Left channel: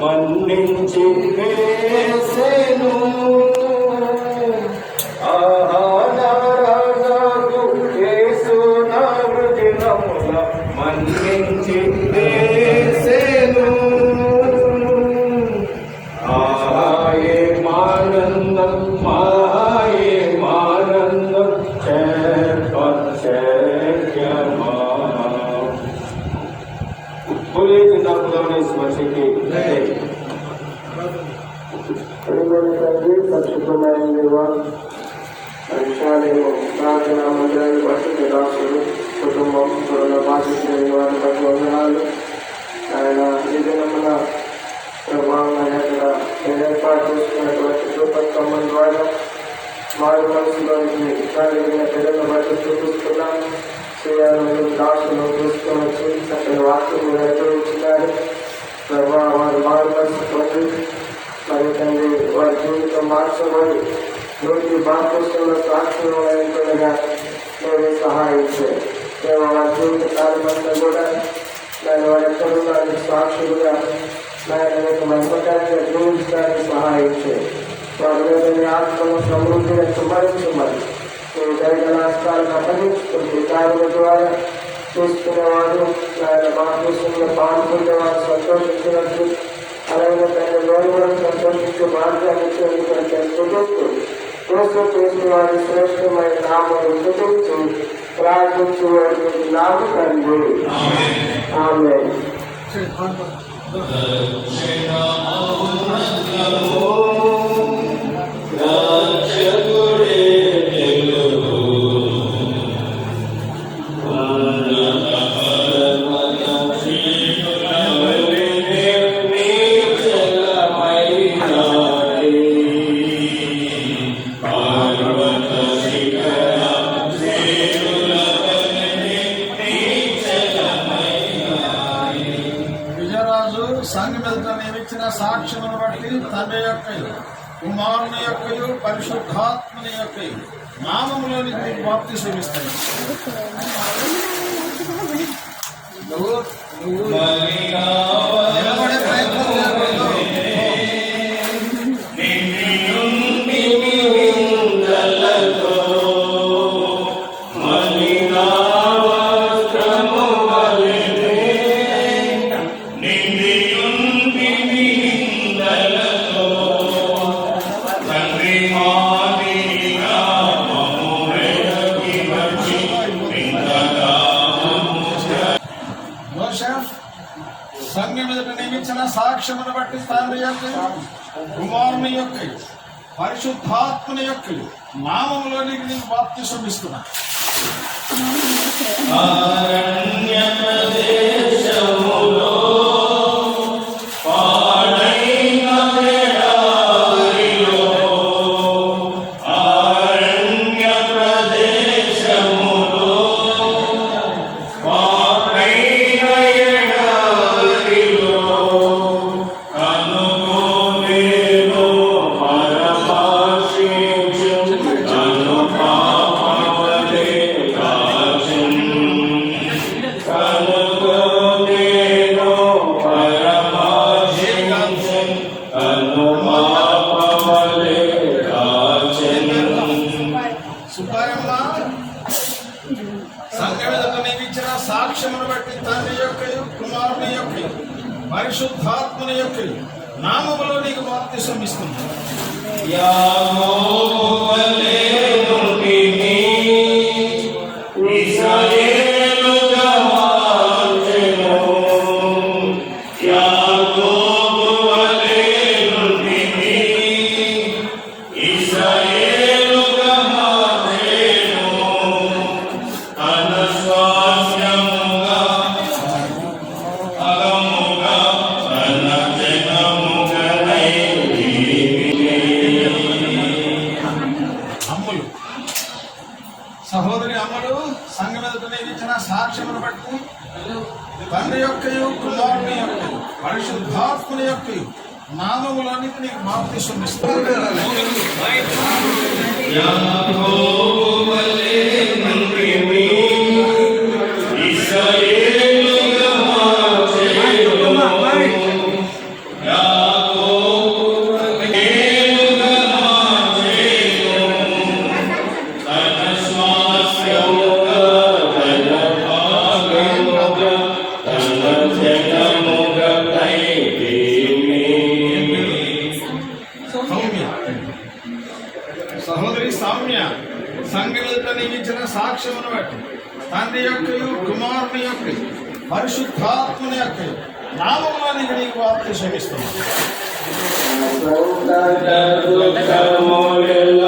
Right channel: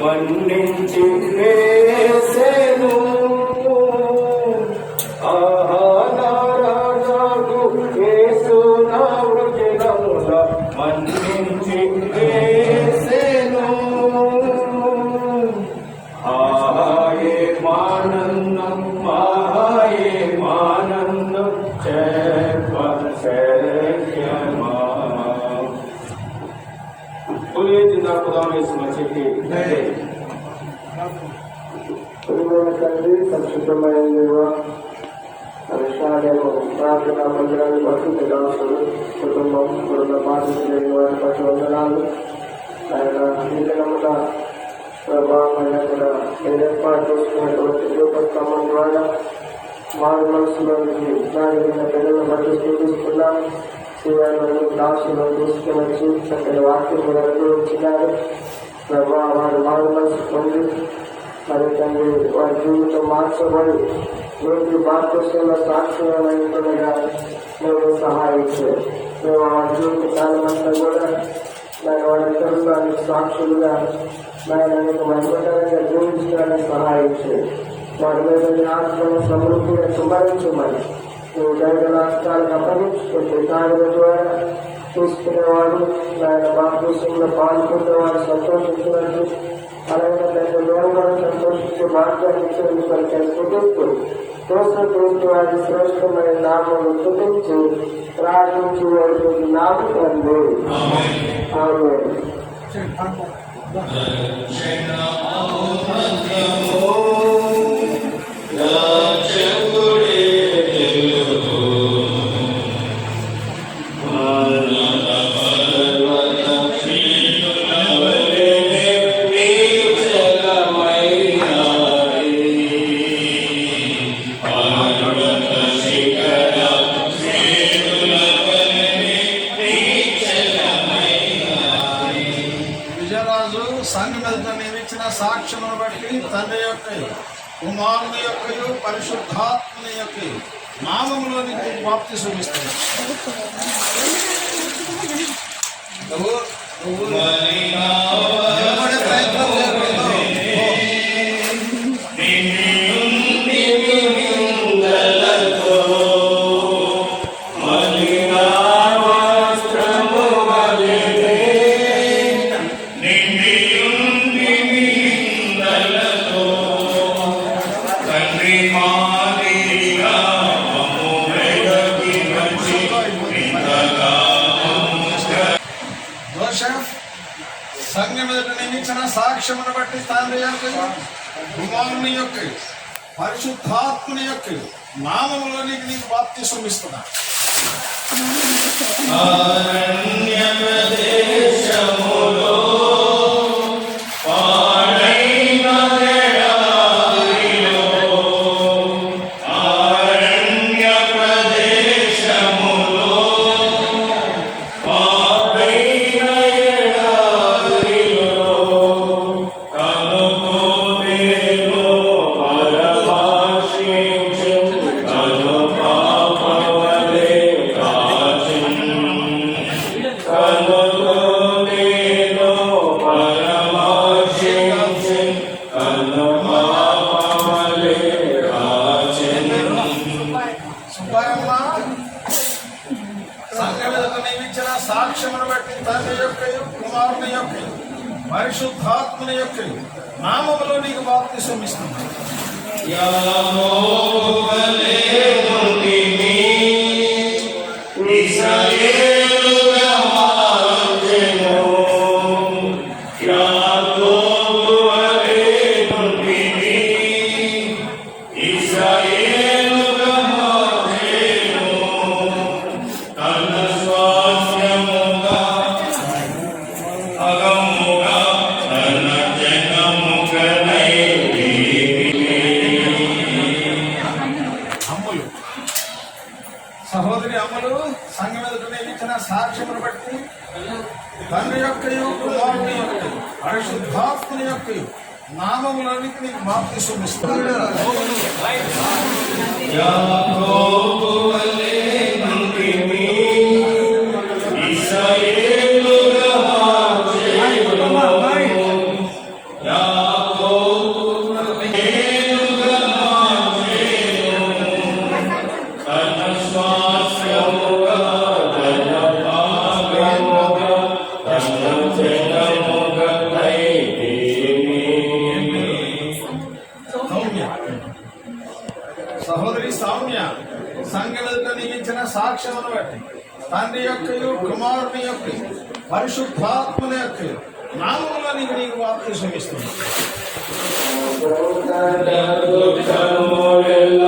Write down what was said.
మన్నించి వేసెను ఆహారాజు యేసు నా వృజనముల మన్నించి వేసెను ఆహాయే మానందం మాయే మానందం చెప్పశక్యమా बोलिए जिंदा खुदा ने इस बच्चे की సంక్షిప్తమైన విషయాలను ప్రార్థన మందిరాన్ని పరిశుద్ధ దాసులు కుటుంబం కరోనా బాధితులైన వారి పట్ల వందనాలు. ఆయన నిజంగా ప్రభావం అక్కడ ఏర్పాటు చేసుకున్నటువంటి రూపస్తంభం ద్వారా వారి మనసులోనికి సాగిన పిల్లల బట్టి చూపిస్తున్నాం. చేయాలని దాసులు తీసుకుని వచ్చి చక్కని వాక్యం అనుభవించున్నారు. ప్రభావ వారు మారు మనసు పొంది మరి తండ్రి వారి జీవితం మార్చబడి రోజు భారతదేశంలో సాక్షులుగా మీరు సహాయించారు. మేము వారి జీవిత కాలమంతా కూడా నేను వారి తరుణానికి సాక్షులుగా నేను అనేక మహిమకరంగా జీవించడానికి సహాయించారు. వారి మీద ఆత్మను సమృద్ధిగా సంభరించమని మీరు జరిగిన రాష్ట్రాలను అప్పగించుకుంటే కార్యాల ద్వారా చూసుకునేవాడు ఆయన భారతదేశంలో పాల్గొనేవాడు సంతోషించినట్టు అలాగే తన లోపలను సంతోషించే భాగ్యాన్ని చూస్తూ వారి శ్రేష్టమైన నామను చూపించి ప్రార్థించు నామ తండ్రి ఆమె. సంఘం ఎదుట నియమించిన సాక్ష్యమును బట్టి తండ్రి యొక్కయు కుమారుని యొక్కయు పరిశుద్ధాత్మని యొక్కయు నామములోనికి బాప్తిసం ఇస్తాయి. నువ్వు నిలబడే ప్రయత్నం చేయకూడదు. సంఘం ఎదుట నియమించిన సాక్ష్యమును బట్టి తండ్రి యొక్కయు కుమారుని యొక్కయు పరిశుద్ధాత్మని యొక్కయు నామములోనికి నీకు బాప్తిసం ఇస్తున్నా. సాక్ష్యమును బట్టి తండ్రి యొక్కయు కుమారుని యొక్కయు పరిశుద్ధాత్మని యొక్కయు నామములో నీకు బాప్తిసం ఇస్తున్నాను. సహోదరి అమ్మలు సంఘం ఎదుట ఇచ్చిన సాక్ష్యమును బట్టి తండ్రి యొక్కయు కుమారుని యొక్కయు పరిశుద్ధాత్మని యొక్కయు నామములోనికి నీకు బాప్తిసం ఇస్తున్నాను. Yeah. తండ్రి యొక్కయు కుమారుని యొక్క పరిశుద్ధాత్మని యొక్క నామములో నీకు బాప్తిసం ఇస్తున్నాను. దుఃఖములెల్ల